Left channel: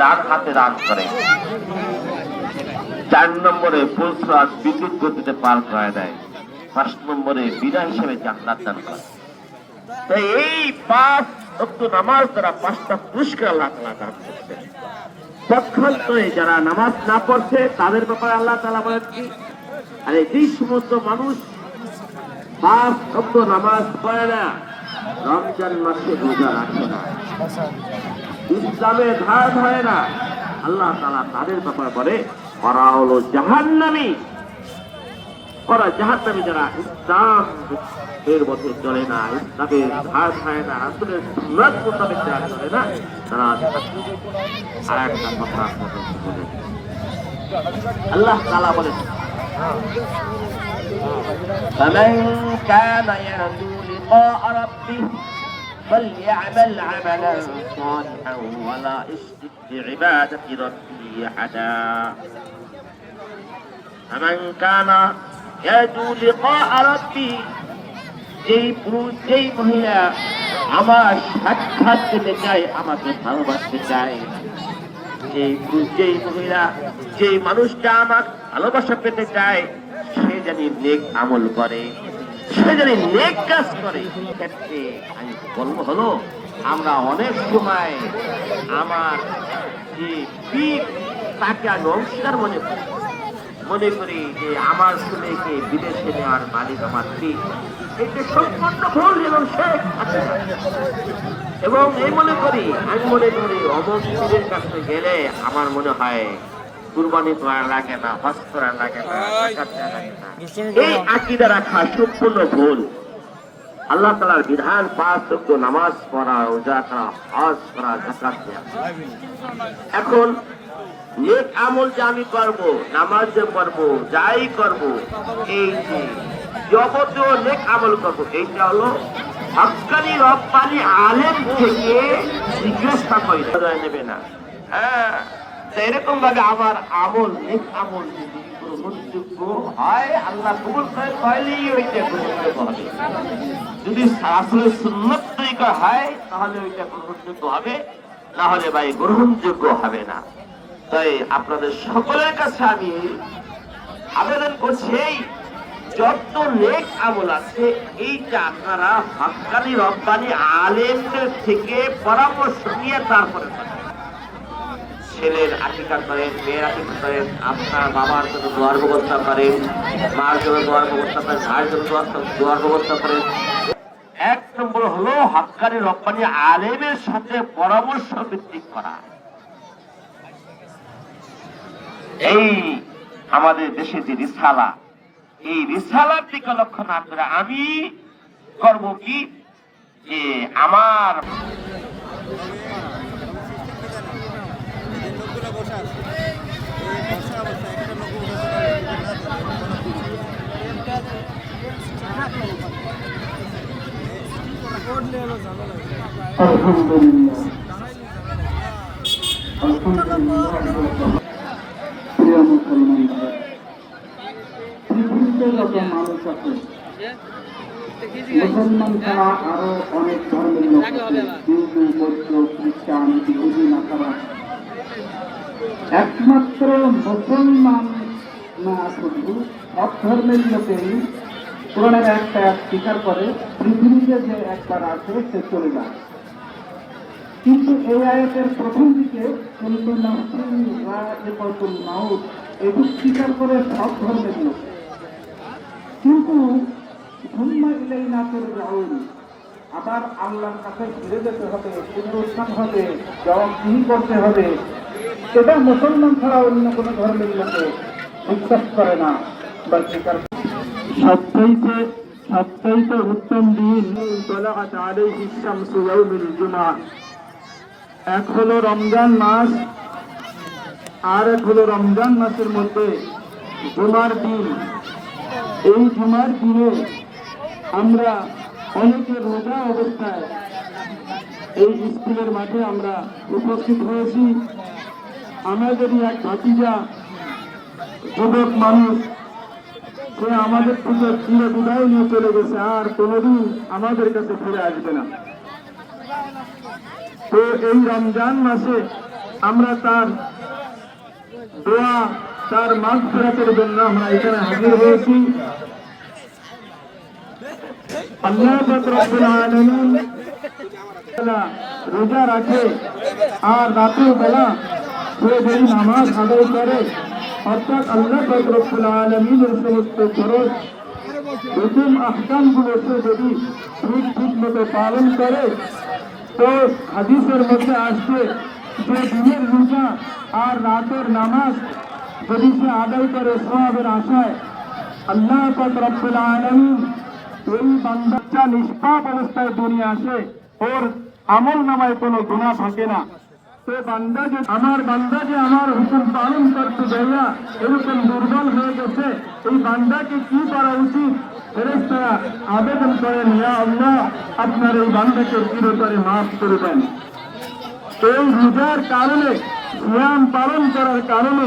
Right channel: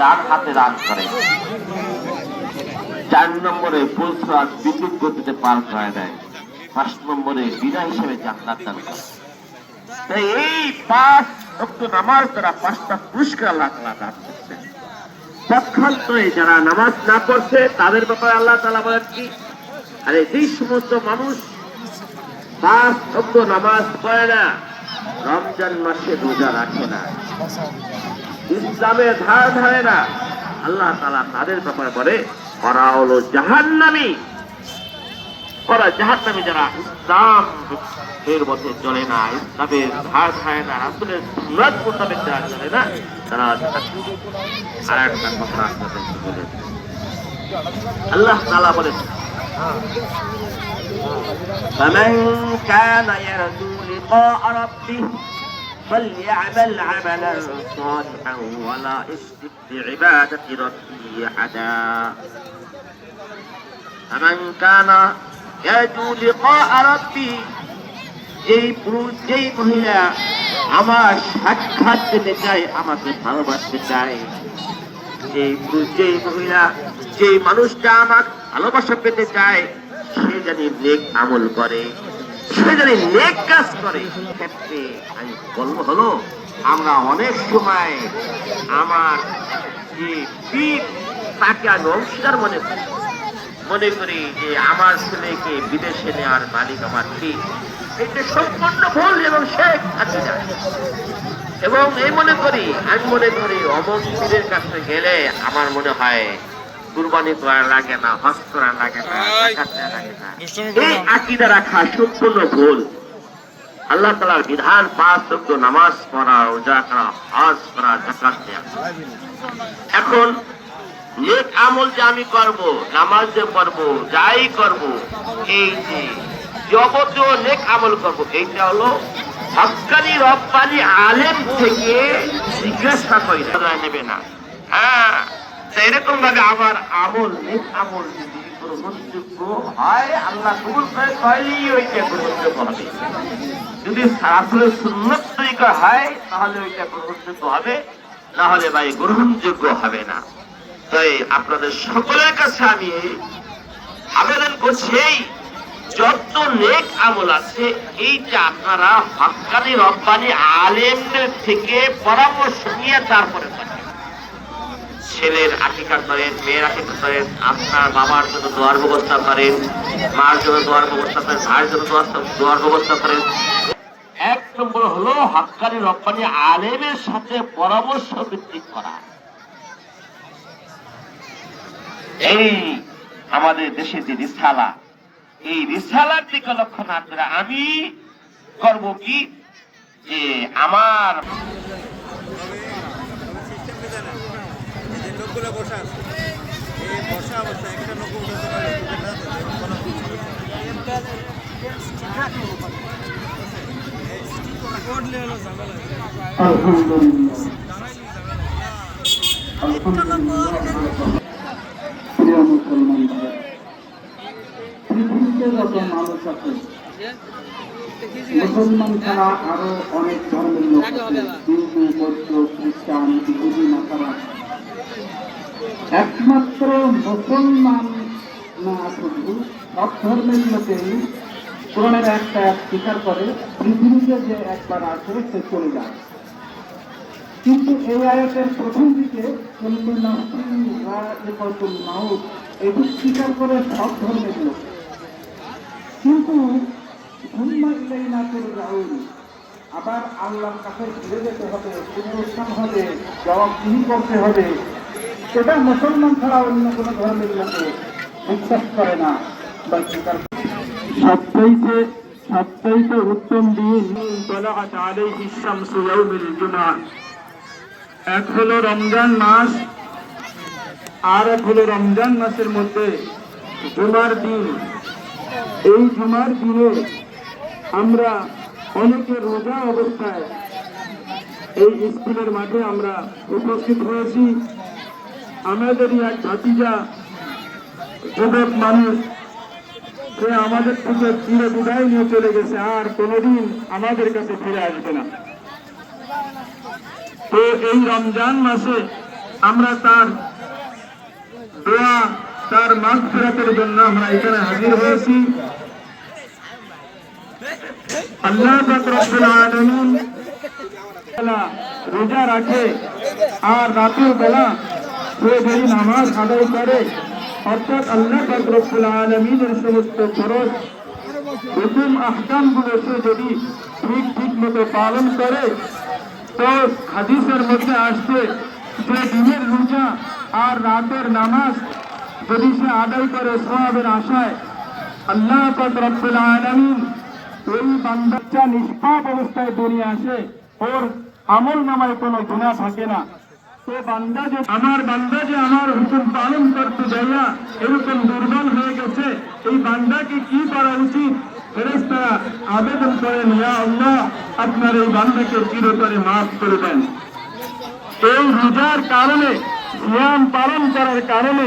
ডান হাতে দান করে। 4 নম্বরে ফুলসরাত বিদ্যুৎ গতিতে পার করে দেয়। 5 নম্বরে বিনা হিসেবে জান্নাত দান করে। এই 5 ওয়াক্ত নামাজ দ্বারা 5টা পুরস্কার আল্লাহ তাআলা দান করছেন। পক্ষান্তরে যারা নামাজ না পড়ছে তাদের ব্যাপারে আল্লাহ তাআলা বলেন কি, আরে যেই সমস্ত মানুষ 5 ওয়াক্ত নামাজ পড়ে না, রমজান মাসে রোজা রাখে না, ইসলামে ধার ধারে না, আল্লাহ তাআলা তাদের ব্যাপারে বলে ওরা হলো জাহান্নামী। ওরা জাহান্নামী যারা ইসলাম এর মধ্যে চলে না, ইসলামের ধার ধারে না, রাসূলের সুন্নাত মোতাবেক যারা চলে না, তারা আল্লাহ তাআলা বলেন فمن كان يرجو لقاء ربه فليعمل عملا صالحا ولا يشرك بعبادة ربه أحدا فمن كان يرجو لقاء ربه যেই মহিলা আমার সাক্ষাৎ পেতে চায়, আমাকে ভালোবাসতে চায়, যেই মহিলা যেই মানুষটা আমার ভালোবাসা পেতে চায়, সে জানি নেক আমল করে, সে জানি নেক কাজ করে। ক্ষেত্রে আমি বলবো হলো, আমরা অনেক সময় আমার যে পীর তাকে আমি অংশীদার মনে করি যে আমার ছেলেকে বিদেশে নেওয়ার মালিক আমার পীর। এটা সম্পূর্ণ ভুল এবং শেখ থাকতে যায়। এবং আমি মনে করি অমন পীরের কাছে গেলে আমার মনে হয় কুরবানি করা লাগে না, হজ করা লাগে না, এই আকীদা রাখা সম্পূর্ণ ভুল। আল্লাহ তাআলার বিধান 5 ওয়াক্ত নামাজ পড়া, রোজা করা, হজ করা, যাকাত দেওয়া। এখন নেক আমল যে আমি করব, নামাজ যে পড়ব, যাই করব, এই যে যাবতীয় নেক আমল করব, এইটা হলো হক্কানি রব্বানি আলেম থেকে জিজ্ঞাসা করে নেবে না। হ্যাঁ, এরকম ভাবে আমার আমল নেক আমল যদি গ্রহণযোগ্য হয়, আল্লাহ কবুল করে, তাহলেই ওইটা গ্রহণযোগ্য হবে। যদি রাসূলের সুন্নাত তরিকা হয় তাহলে ওইটা গ্রহণযোগ্য হবে, না হলে ভাই গ্রহণযোগ্য হবে না। তাই আপনাদের সকলের কাছে আমি আবেদন করছি, যত নেক আমল আছে এইটা আপনারা হক্কানি রব্বানি আলেমদের থেকে পরামর্শ নিয়ে তারপরে ছেলের আকিকা করেন, মেয়ের আকিকা করেন, আপনার বাবার জন্য দোয়ার ব্যবস্থা করেন, মার জন্য দোয়ার ব্যবস্থা করেন, ভাইয়ের জন্য দোয়ার ব্যবস্থা করেন। 1 নম্বর হলো হক্কানি রব্বানি আলেমের সাথে পরামর্শ ভিত্তিক করা। এই আমাদের দেশে যে রিসালা, এই রিসালার দিকে লক্ষ্য না করে আমি করব কি, যে আমার পৃথিবীতে যত মানুষ আছে, মুসলমান ছাড়া আরো অনেক ধর্মের লোক আছে, হিন্দু, বৌদ্ধ, খ্রিস্টান, ইহুদি, নাসারা। একমাত্র মুসলমান না, শুধু সব ধর্মের লোকেই কোরআনের একটা স্বীকার করে, পৃথিবীতে যে একবার আছে সে চলে যায়। কিন্তু এই আয়াতের প্রথম দিকে এটি স্বীকার করে সব ধর্মের লোক, কিন্তু আবার আল্লাহর কাছে ফিরে যেতে হবে, পুনরুত্থান হবে, জবাবদিহি করতে হবে, সেটা মুসলমান ছাড়া অন্য কোনো ধর্মের লোকে বিশ্বাস করে না বা স্বীকার। সবচাইতে উত্তম দিন এক হলো রমজান মাস, আর এক হলো রমজান মাসের মধ্যে জুমার দিন। এই জুমার দিনে আমরা অনেকে রোজা অবস্থায় এই স্কুলের মাঠে আমরা উপস্থিত হয়েছি। আমাদেরই এক ভাতিজা যুবক মানুষ, সে আমাদের থেকে চির বিদায় নিয়ে চলে গেছে, আর কোনোদিন আমাদের কাছে ফিরে আসবে না। তো এই রমজান মাসে আমরা তার দোয়া, তার মাগফিরাতের জন্য আমরা এখানে হাজির হয়েছি। আল্লাহ পাক রব্বুল আলামিন রোজা রাখে আর রাতের বেলা সে যদি নামাজ আদায় করে, অর্থাৎ আল্লাহ পাক রব্বুল আলামিনের সমস্ত ফরজ হুকুম আহকামগুলো সে যদি ঠিক মতো পালন করে, তো হাদিসের মধ্যে আসছে যে দিনের রোজা আর রাতের নামাজ যদি সে আদায় করে সওয়াবের আশায়, আল্লাহ পাক রব্বুল আলামিন ওই বান্দাটা নিষ্পাপ অবস্থায় দুনিয়া আসে, ওর আমল নামায় কোনো গুনাহ থাকে না। তো বান্দা যে আমার হুকুম পালন করতে যাইয়া এরকম দুর্বল হয়ে গেছে, এই বান্দাকে কি করা উচিত? ফেরেশতারা আবেদন করেন, ইয়া আল্লাহ, আপনার এই বান্দাকে চিরতরে মাফ করে দেন। এই রোজার কারণে, সিয়াম পালন করার কারণে,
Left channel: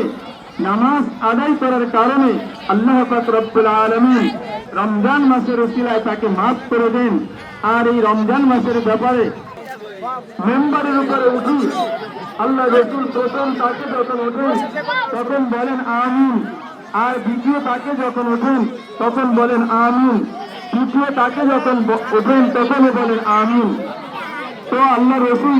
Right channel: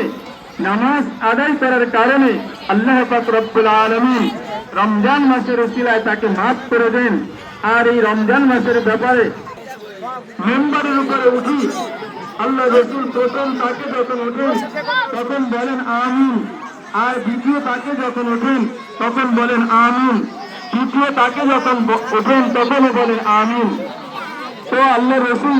নামাজ আদায় করার কারণে আল্লাহ পাক রব্বুল আলামিন রমজান মাসের উসিলায় তাকে মাফ করে দেন। আর এই রমজান মাসের ব্যাপারে মেম্বারের উপরে উঠি আল্লাহ রসুল প্রথম তাকে যখন ওঠেন তখন বলেন আমিন, আর দ্বিতীয় তাকে যখন ওঠেন তখন বলেন আমিন, তৃতীয় তাকে যখন ওঠেন তখন বলেন আমিন। তো আল্লাহ রসুল,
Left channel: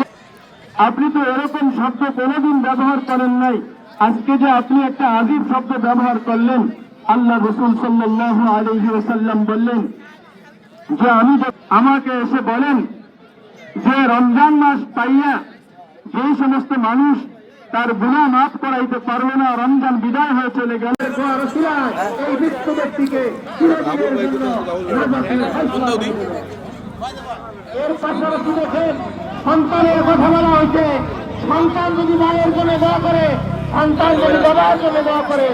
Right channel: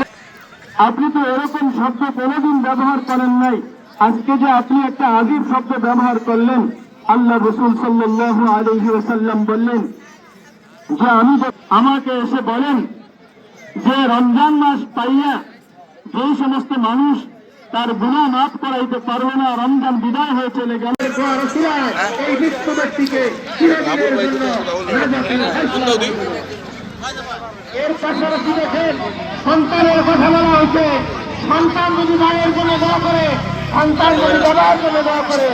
আপনি তো এরকম শব্দ কোনোদিন ব্যবহার করেন নাই, আজকে যে আপনি একটা আজীব শব্দ ব্যবহার করলেন। আল্লাহ রসুল সাল্লাল্লাহু আলাইহি ওয়াসাল্লাম বললেন যে আমাকে এসে বলেন যে রমজান মাস পাইয়া যে সমস্ত মানুষ তার গুনাহ মাফ করাইতে পারবে না, রমজান বিদায় হয়ে চলে গেল, এই মৃত্যু ব্যক্তিকে চিরদিনের জন্য এর পাশাপাশি দেখেন সন্তানের কথা বলা হয়েছে। সন্তান যদি মায়ের জন্য দোয়া করে, সন্তান যদি বাবার জন্য দোয়া করে,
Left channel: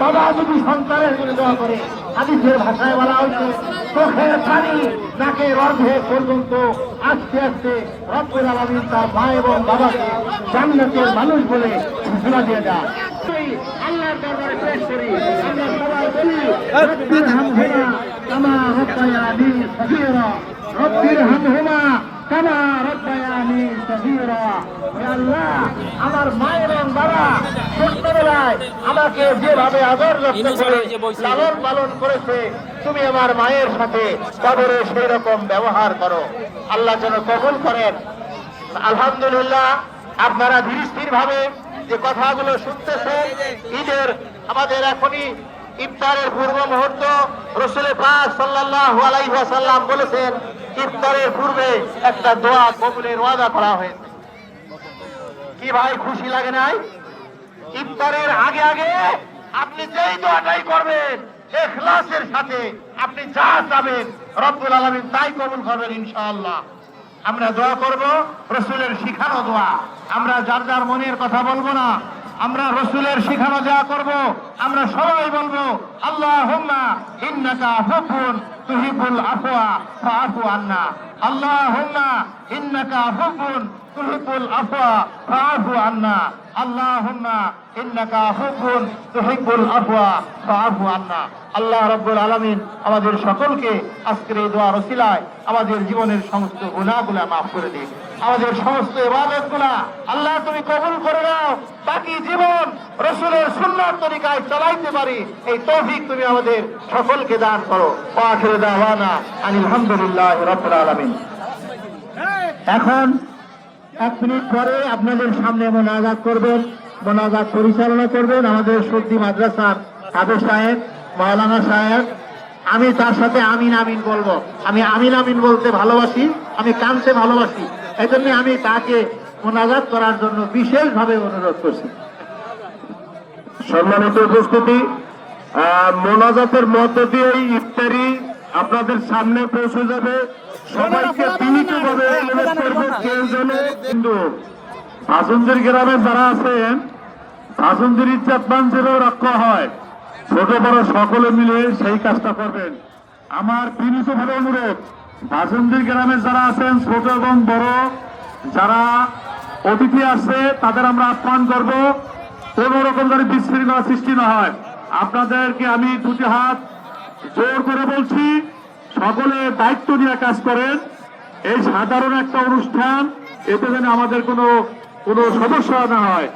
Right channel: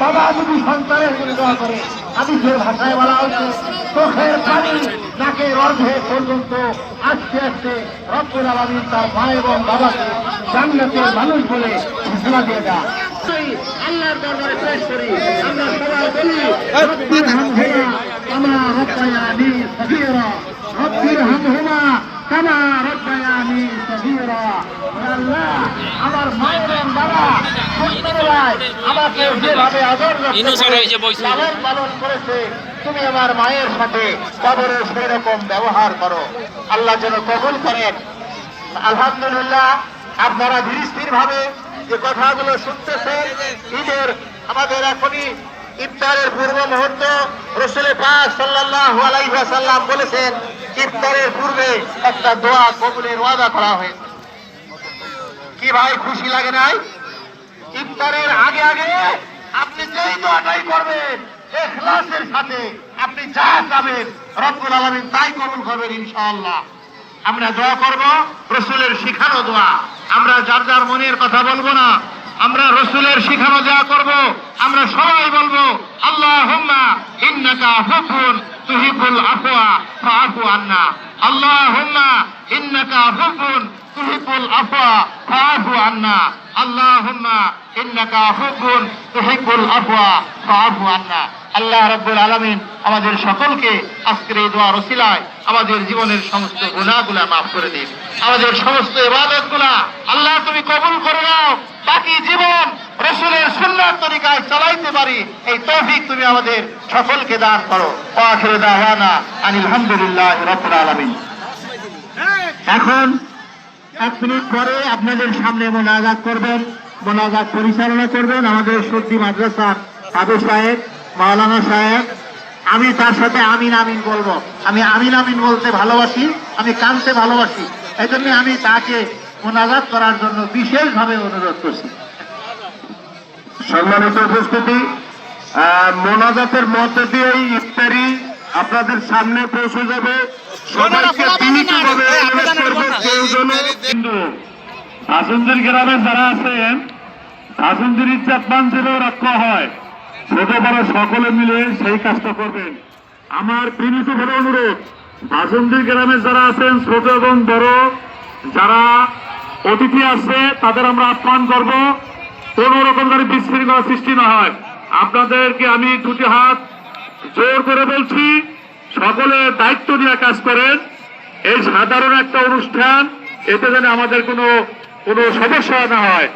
বাবা যদি সন্তানের জন্য দোয়া করে, হাদিসের ভাষায় বলা হয়েছে চোখের পানি নাকের অর্ধে পর্যন্ত আস্তে আস্তে রব্বুল আলামিন তার মা এবং বাবাকে জান্নাতের মানুষ বলে ঘোষণা দিয়ে দেয়। আল্লাহর দরবারে পেশ করি, আমরা সবাই বলি রব্বির হামহুমা কামা রব্বায়ানি সগীরা, রব্বির হামহুমা কামা রব্বায়ানি সগীরা। আল্লাহ, আমার মায়ের এবং বাবা ছোট্টবেলায় আমাকে যেভাবে আদর লালন পালন করেছে, তুমি আমার মায়ের সাথে কবরে সেই রকম ব্যবহার করো। আল্লাহ যেন কবুল করেন। আলহামদুলিল্লাহ, আপনারা ধীর ভাবে যে কথাগুলো শুনতেছেন, ঈদের আমাদের এখনই ইফতারের পূর্ব মুহূর্ত। রাসূল পাক সাল্লাল্লাহু আলাইহি ওয়াসাল্লাম বলেছেন ইফতারের পূর্বে একটা দোয়া কবুলের ওয়াদা করা হয়েছে। কি ভাই খুশি লাগে নাই? ইফতারের আগে আগে আপনি যেই দোয়াটাই করবেন ইখলাসের সাথে, আপনি যা চাবেন রব্বুল আলামিন তাই কবুল করবেন ইনশাআল্লাহ। আমরা দোয়া করব রাসূলের শিখানো দোয়া, আমরা যার যার মনের কথা বলবো না, আমরা রাসূলের শিখানো দোয়া করব। আমরা সবাই বলবো আল্লাহুম্মা ইন্নাকা আফুউন তুহিব্বুল আফওয়া ফাআফু আন্না, আল্লাহুম্মা ইন্নাকা আফুউন তুহিব্বুল আফওয়া ফাআফু আন্না, আল্লাহুম্মা ইন্নাকা আফুউন তুহিব্বুল আফওয়া ফাআফু আন্না। আল্লাহ রাব্বুল আলামিন আমাদের সকলকে আজকের এই দোয়ার ওসিলায় আমাদের জীবনের সমস্ত গুনাহগুলো মাফ করে দিন, আমাদের সমস্ত ইবাদতগুলো আল্লাহ তুমি কবুল করে নাও, বাকি জীবন রাসূলের সুন্নাত তরিকায় চালাইতে পারি এই তৌফিক তুমি আমাদের সকলকে দান করো। আখিরু দাওয়ানা আনিল হামদুলিল্লাহি রাব্বিল আলামিন। এখন 1 মিনিট পরে আপনাদের সামনে মোনাজাত করবেন, মোনাজাত পরিচালনা করবেন আমাদের সুদ্দি মাদ্রাসার আবু সাহেব, মাওলানা সাহেব। আমি তার সাথে আমিন আমিন বলবো। আমি আমিন আমিন বলতে ভালোবাসি, আমি কানতে ভালোবাসি, এই জন্য আমি তাকে মোনাজাত করার জন্য বিশেষভাবে অনুরোধ করছি। সম্মানিত উপস্থিতি, মোনাজাতের মধ্য দিয়ে ইফতারি আপনাদের সামনে পৌঁছে যাবে। শাসনদের গ্রামে যারা আছেন, শাসনদের চাপান যেন রক্ষা হয়, ছোট বড় সকলে মিলে সেই কাজটা করবেন। আমার বিনীতভাবে অনুরোধ, বাসন্তী গ্রামে যারা আছেন, ছোট এবং বড় যারা অতিথি আসছে তাদের আমরা আহ্বান করব, কোন রকম যেন বিশৃঙ্খলা সৃষ্টি না হয়। আপনাদেরকে আমি দুটি হাত জোর করে বলছি, সকলে দায়িত্ব নিয়ে কাজ করেন। এই সাধারণ একটা অনুষ্ঠান, এতে যেন আমাদের কোনো কোনো সমস্যা না হয়।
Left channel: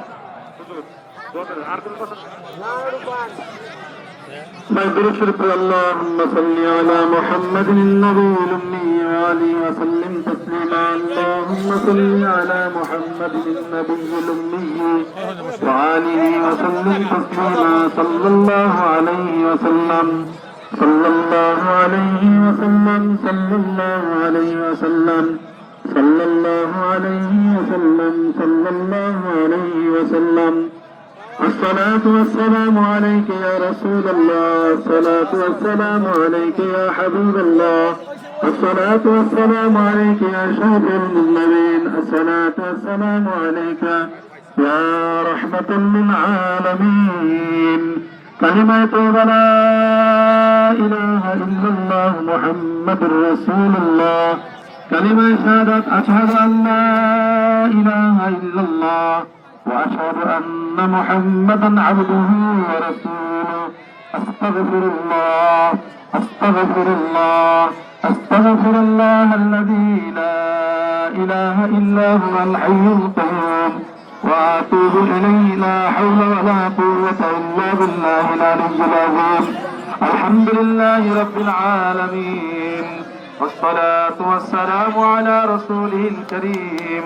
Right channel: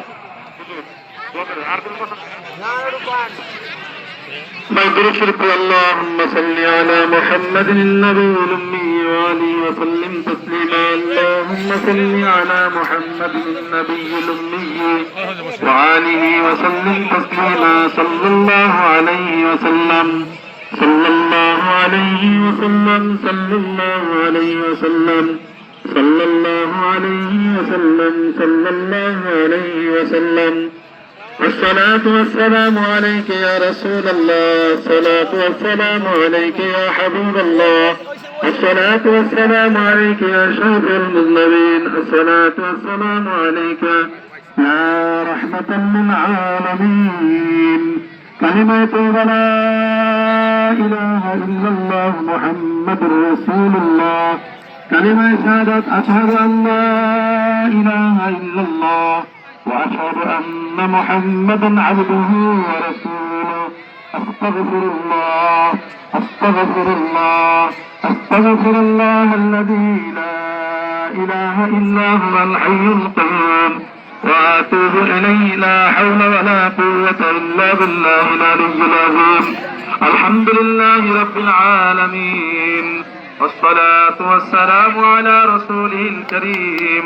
مغفرة شرك اللهم صل على محمد النبي الأمي وآله وسلم تسليما. اللهم صل على محمد النبي الأمي وآله وسلم تسليما. صلى الله عليه وسلم صلى الله عليه وسلم صلى الله عليه وسلم صلى الله عليه وسلم صلى الله عليه وسلم. الصلاة والسلام عليك يا رسول الله. الصلاة والسلام عليك يا حبيب الله. الصلاة والسلام عليك يا شرف المذنبين. الصلاة والسلام عليك يا رحمة للعالمين. كلمة لا إله إلا الله محمد رسول الله. كلمة شهادة أشهد أن لا إله إلا الله وأشهد أن محمدا عبده ورسوله. أستغفر الله أستغفر الله أستغفر الله الذي لا إله إلا هو الحي القيوم وأتوب إليه. لا حول ولا قوة إلا بالله العلي العظيم. الحمد لله رب العالمين والصلاة والسلام على رسوله الكريم.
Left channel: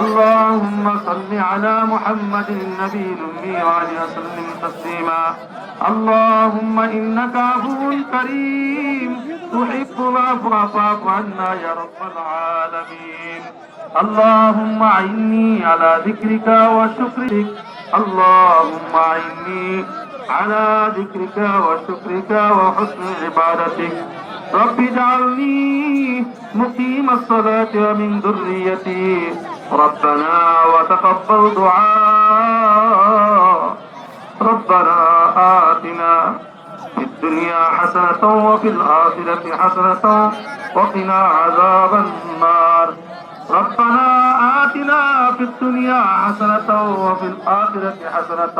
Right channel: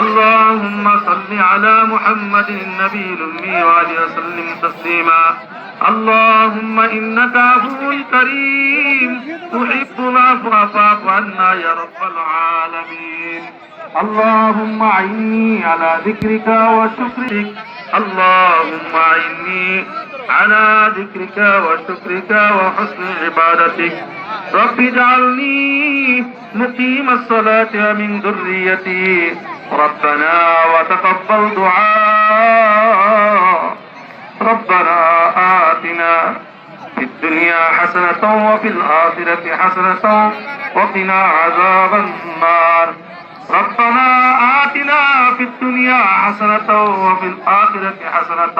اللهم صل على محمد النبي الأمي وآله وسلم تسليما. اللهم إنك عفو كريم تحب العفو فاعف عنا يا رب العالمين. اللهم أعني على ذكرك وشكرك. اللهم أعني على ذكرك وشكرك وحسن عبادتك. رب اجعلني مقيم الصلاة من ذريتي. ربنا وتقبل دعاء. ربنا آتنا في الدنيا حسنة وفي الآخرة حسنة وقنا عذاب النار. ربنا آتنا في الدنيا حسنة وفي الآخرة حسنة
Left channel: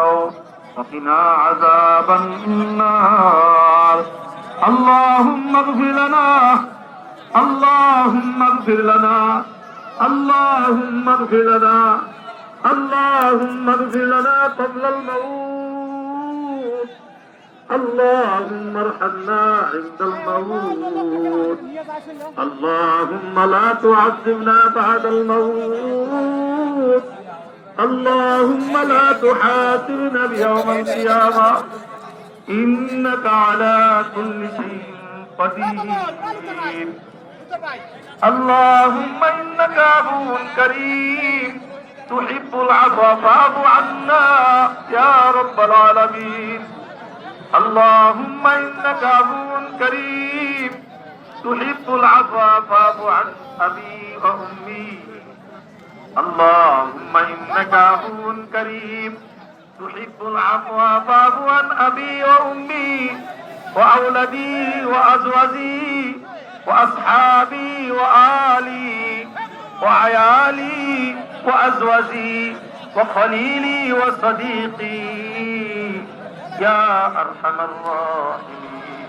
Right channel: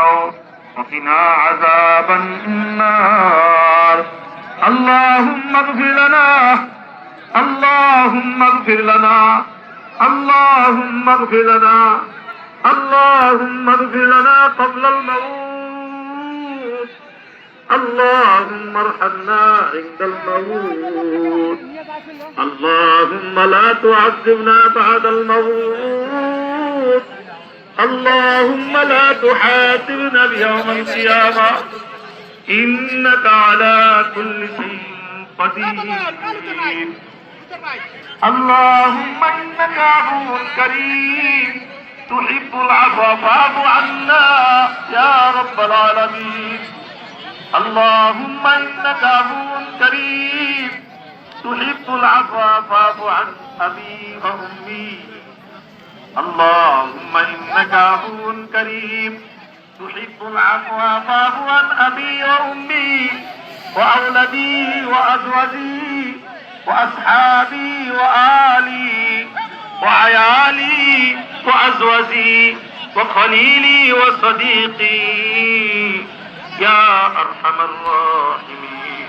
وقنا عذاب النار. اللهم اغفر لنا اللهم اغفر لنا اللهم اغفر لنا اللهم اغفر لنا قبل الموت. اللهم ارحمنا عند الموت. اللهم لا تعذبنا بعد الموت. اللهم لا تحاسبنا بيوم القيامة إنك على كل شيء قدير. اللهم إنك عفو كريم تحب العفو فاعف عنا يا رب العالمين. اللهم إنك عفو كريم تحب العفو فاعف عن أبي وأمي. اللهم إنك عفو كريم تحب العفو فاعف عن أبي وأمي وأولدي وأزواجي وأصحابي وآلي وعيالي وأزواجي وخليلي وصديقي يا أرحم الراحمين.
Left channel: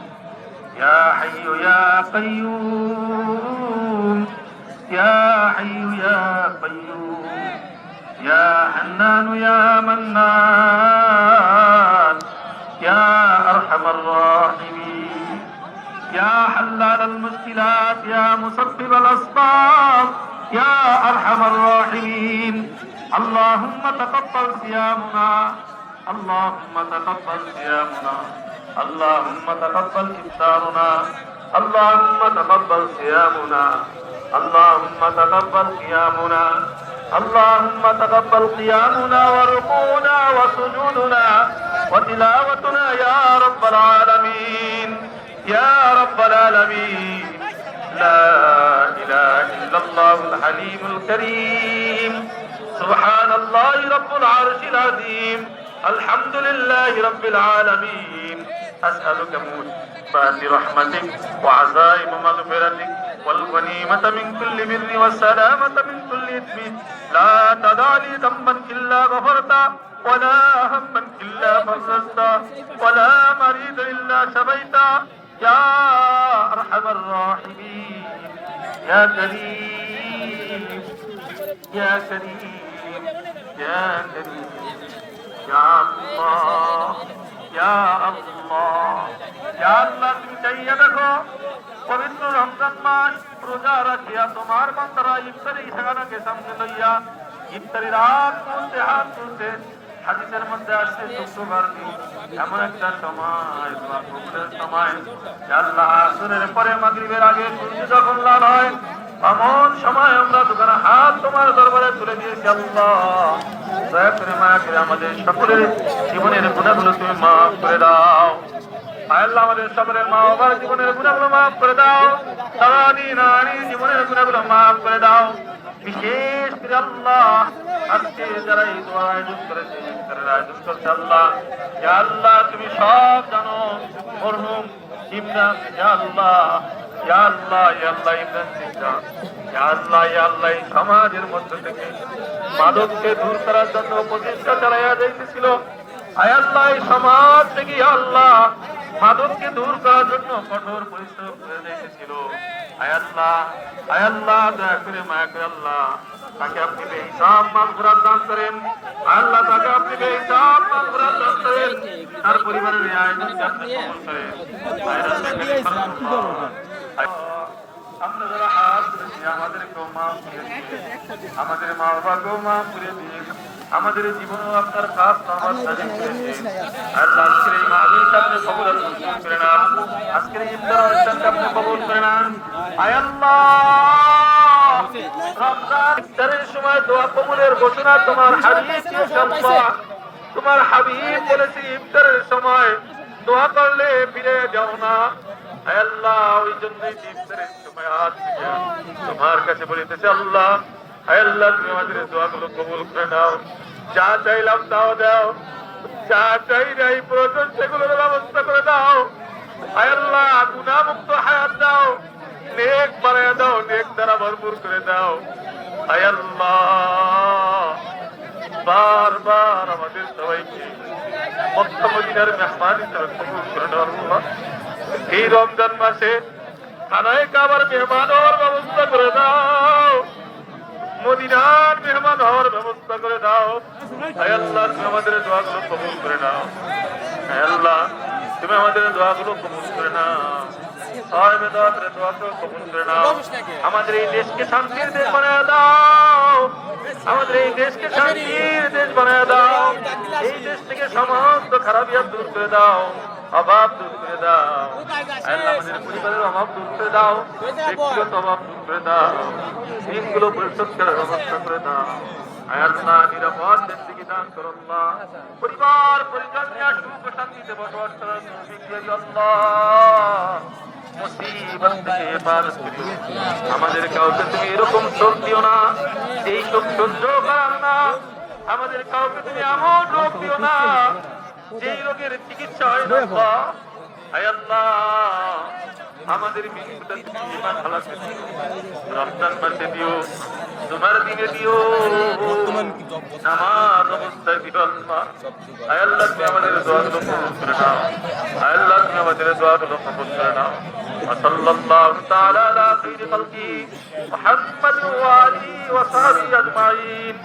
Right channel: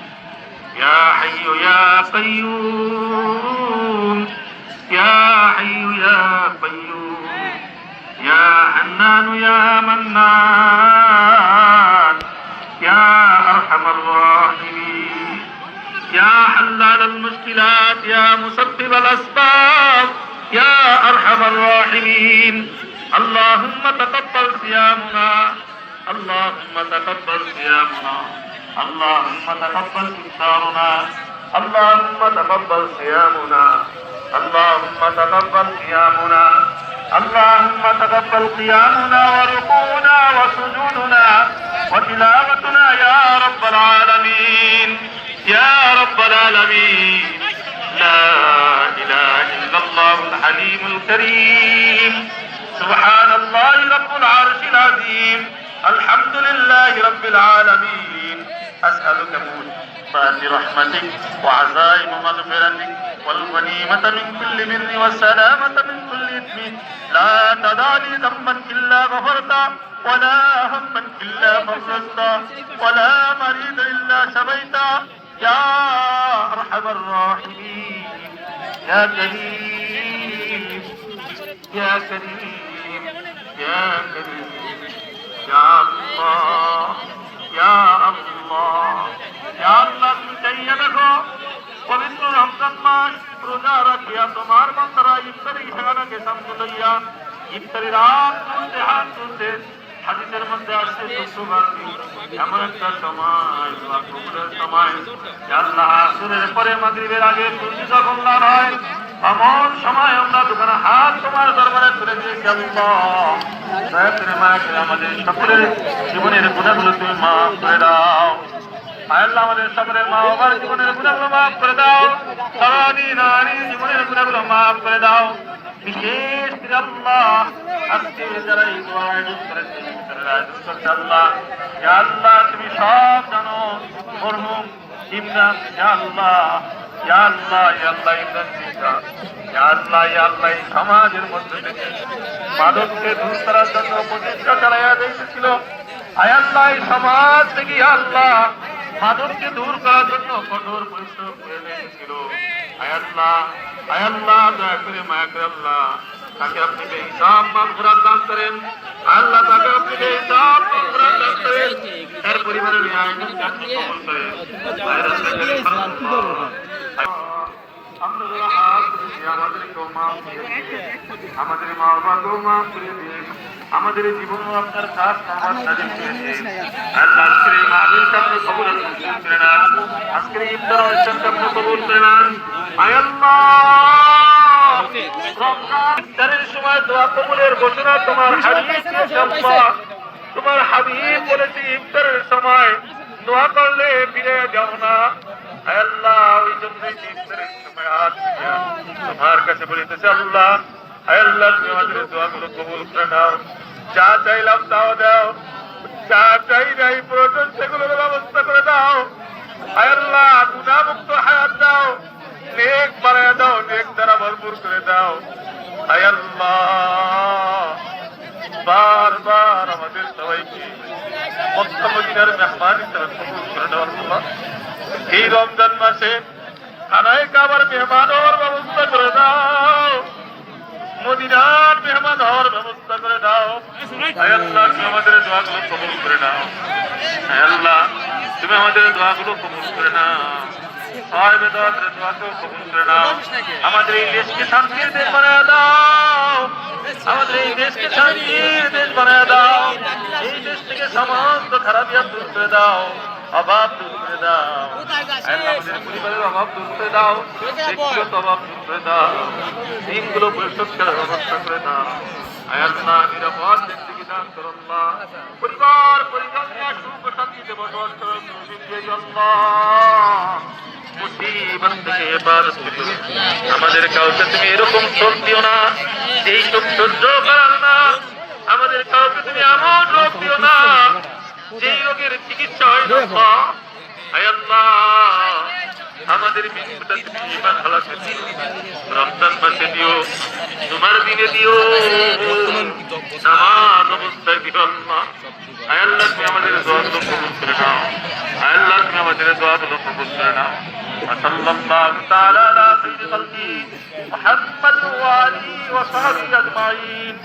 يا حي يا قيوم يا حي يا قيوم يا حنان يا منان يا أرحم الراحمين. يا حلال المشكلات يا مسبب الأسباب يا أرحم الراحمين. اللهم تقبل صيامنا. اللهم تقبل صيامنا. اللهم تقبل إفطارنا. اللهم تقبل صيامنا. اللهم تقبل قيامنا. اللهم تقبل قيامنا وركوعنا وسجودنا وتلاوتنا يا رب العالمين يا رب العالمين. لا إله إلا الله الحليم الكريم. سبحان الله رب العرش العظيم. الحمد لله رب العالمين. أسألك موجبات رحمتك وعزائم مغفرتك والغنيمة من كل بر والسلامة من كل إثم. لا تدع لي ذنبا إلا غفرته ولا هما إلا فرجته ولا مريضا إلا شفيته يا أرحم الراحمين. يا كريم يا كريم ইয়া করিম ইয়া আল্লাহ ইয়া আল্লাহ ইয়া আল্লাহ তুমি চাইয়া দেখো পবিত্র রমজান মাস রোজা রাখিয়া তোমার বান্দারা ইফতারি খানাকে সামনে লইয়া ইফতারি রাত তুলতে হাত তুলতে হাদিসের মধ্যে আসছে শুক্রবার এমন একটা সময় দোয়া কবুলের সময় আল্লাহ আসরের পরে মাগরিবের আগে সূর্য যখন লাল হয় এমন সময় আমরা দোকানে হাত তোমার দরবারে তুলে দিয়েছি আল্লাহ দয়া করে মায়া করে আমাদের সকলের জীবনের গুণাগুলো তুমি মাফ করে দাও আল্লাহ আমাদের সকলের মা বাবার জীবনের গুণাগুলো মাফ করে দাও সারাদিন নারী জীবনের গুণাগুলো মাফ করে দাও বিশেষ করে আল্লাহ আজকে যারা এই দোয়া আয়োজন করেছে আয়োজন করছে আল্লাহ ইয়া আল্লাহ তুমি সব জানো মরহুম ইমরান ইয়া আল্লাহ ইয়া আল্লাহ ইয়া আল্লাহ ইমরান ইয়া আল্লাহ ইয়া আল্লাহ এই সমাজের মধ্যে থেকে মাদককে দূর করার জন্য প্রচেষ্টা চালাইয়া দিয়েছিল আয় আল্লাহ এই সমাজ থেকে আল্লাহ মাদককে দূর করার জন্য কঠোর পরিশ্রম করে দিয়েছিল আয় আল্লাহ দয়া করে মায়া করে আল্লাহ তাকে আপনি বেহিসাব মাগফিরাত দান করেন আল্লাহ তাকে আপনি বেহিসাব মাগফিরাত দান করেন তার পরিবারের এই আয়োজনকে আপনি কবুল করেন আমরা যারা হাত তুলেছি আমাদেরকেও মাফ করে দিন আমাদের মা বাবাকেও মাফ করে দিন আমাদের জীবন আপনার কাজ আল্লাহ আজকের এই মাহফিলকে আপনি কবুল করে নেন আজকের এই ইফতারকে আপনি কবুল করে নেন আয় আল্লাহ ইফতারের সময় দোয়া কবুলের ঘোষণা তোমার হাবিব দিয়েছে আল্লাহ তোমার হাবিব বলেছে ইফতারের সময় দোয়া করলে ফিরে যাও না আয় আল্লাহ ওই জন্যই ইফতারের সময় হাত তোমার কাছে বলিতেছে আল্লাহ আয় আল্লাহ তুমি আমাদের দোয়াগুলো কবুল করে নাও যা চাইলাম তাও দাও যা চাই নাই প্রয়োজন সেগুলোর ব্যবস্থা করে দাও আয় আল্লাহ গুনাহমুক্ত হায়াত দাও নেক বানায়া দাও নেক দ্বারা ভরপুর করে দাও আয় আল্লাহ বারবার আমাদের সবাইকে মক্কা মদিনার মেহমান হিসেবে কবুল করে নাও আল্লাহ এই রমজান মাসে খানায়ে কাবার মেহমান হওয়ার ব্যবস্থা করে দাও মদিনার মেহমান হওয়ার ব্যবস্থা করে দাও আয় আল্লাহ তুমি আমাদের দোয়াগুলো কবুল করে নাও আয় আল্লাহ তুমি আমাদের দোয়াগুলো কবুল করে নাও আমাদের এই দেশকে শান্তির দেশ বানায় দাও আমাদের এই দেশকে শান্তির দেশ বানায় দাও এই দেশ থেকে সমস্ত খারাপিয়াত দূর করে দাও অভাব দূর করে দাও আল্লাহ আমাদের পরিবারের অভাব দূর করে দাও ব্যক্তিগত অভাব দূর করে দাও দিনগুলো পরিশোধ করার ব্যবস্থা করে দাও আয় আল্লাহ নিরাপদ ব্যক্তিকে দান করো আল্লাহ পরিবার পরিজন নিয়ে সুখ ও শান্তিতে বসবাস করার তৌফিক দিয়ে দিও আল্লাহ মুসিবত থেকে হেফাজত করিও আমাদের কাউকে তুমি এরকম শোক দিও না এই শোক সহ্য করার না আমাদের কাউকে তুমি এমন রোগ দিও না যেই রোগের চিকিৎসা হয় না আয় আল্লাহ আমাদের মৃত্যুটা তুমি ইমান হালাকে দিও রমজান মাসে দিও তোমার দিনে দিও নামাজ অবস্থায় দিও আল্লাহ আয় আল্লাহ তুমি আমাদের দোয়াগুলো কবুল করে নাও আয় আল্লাহ তুমি আমাদের দোয়াগুলো কবুল করে নাও وصلى الله تعالى على خير خلقه محمد وآله وصحبه أجمعين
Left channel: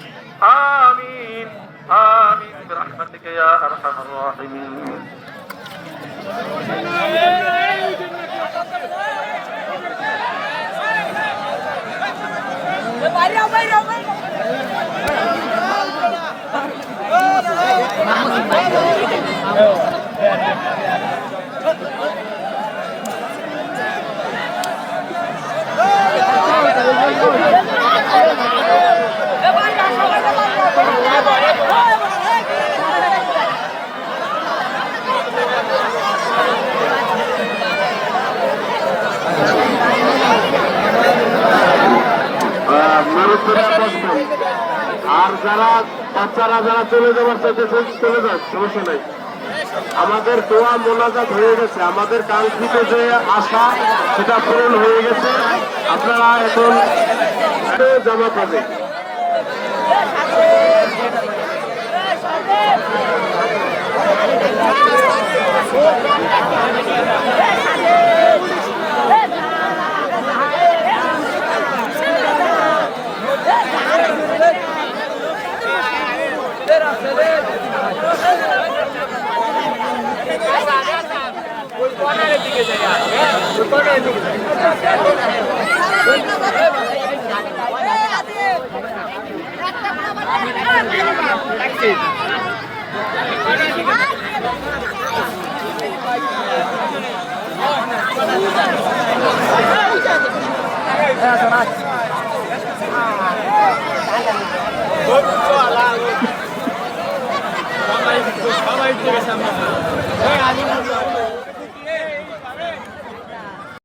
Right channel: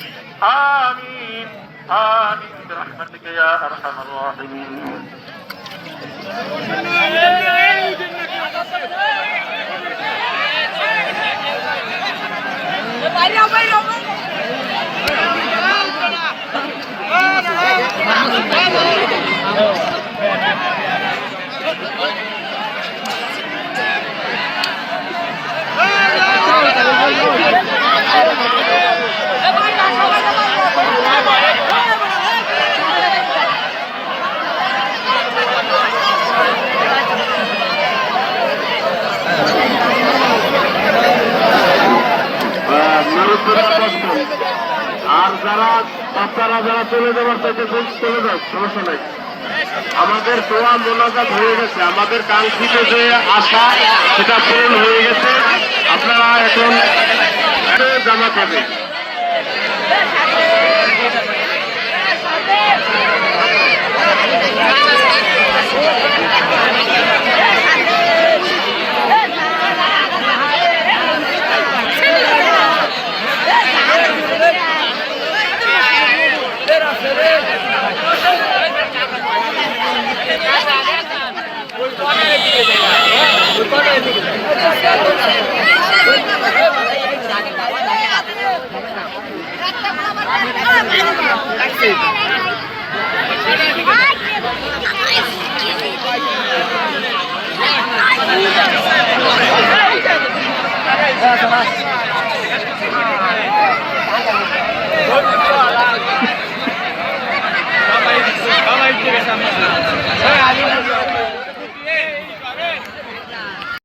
آمين آمين برحمتك يا أرحم الراحمين আর যারা বাচ্চারা যারা চলে যাবার চাইতেছেন চলে যাও সমস্যা নাই আমাদের দোয়া মোনাজাত হয়ে গেছে আমাদের কাঙ্ক্ষিত যে আশা সেটা পূরণ হয়ে গেছে আপনারা এখন জমা পাবে Gracias.